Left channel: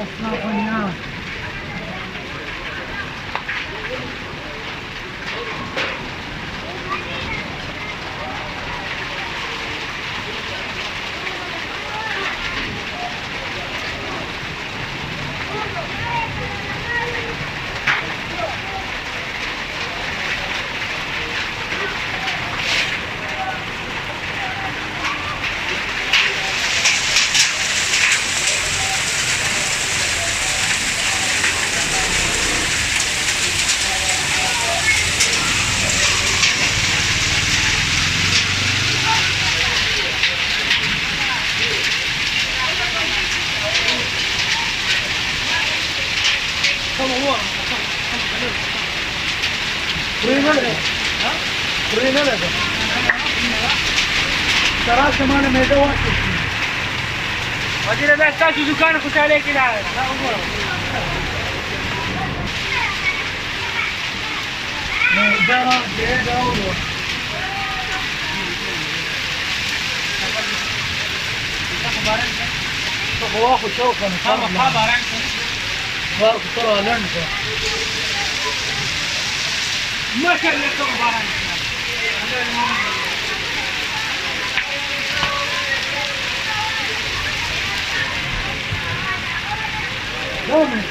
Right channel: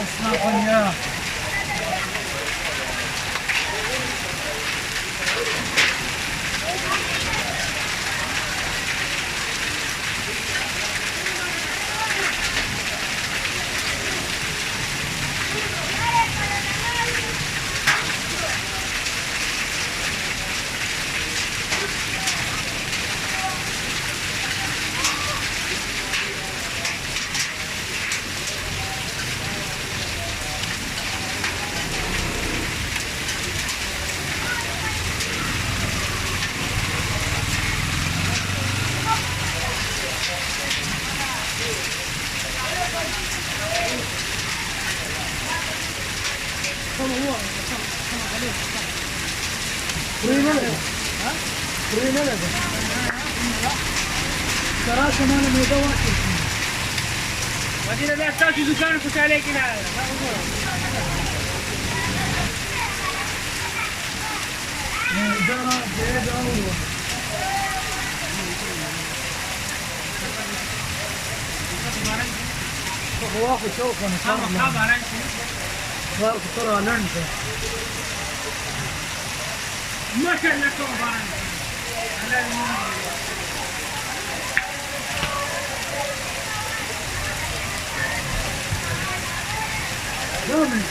Anasını yapın ya. Burayı nerede? Ha? Burayı nerede? Sarar semana meyde var ki. Hadi de ben sadece yukarı kutayla kilar. Meyda ne oldu? هو اخو شوكه خبر عنكم بارك الله لعنته ما كان لكم بارك لا من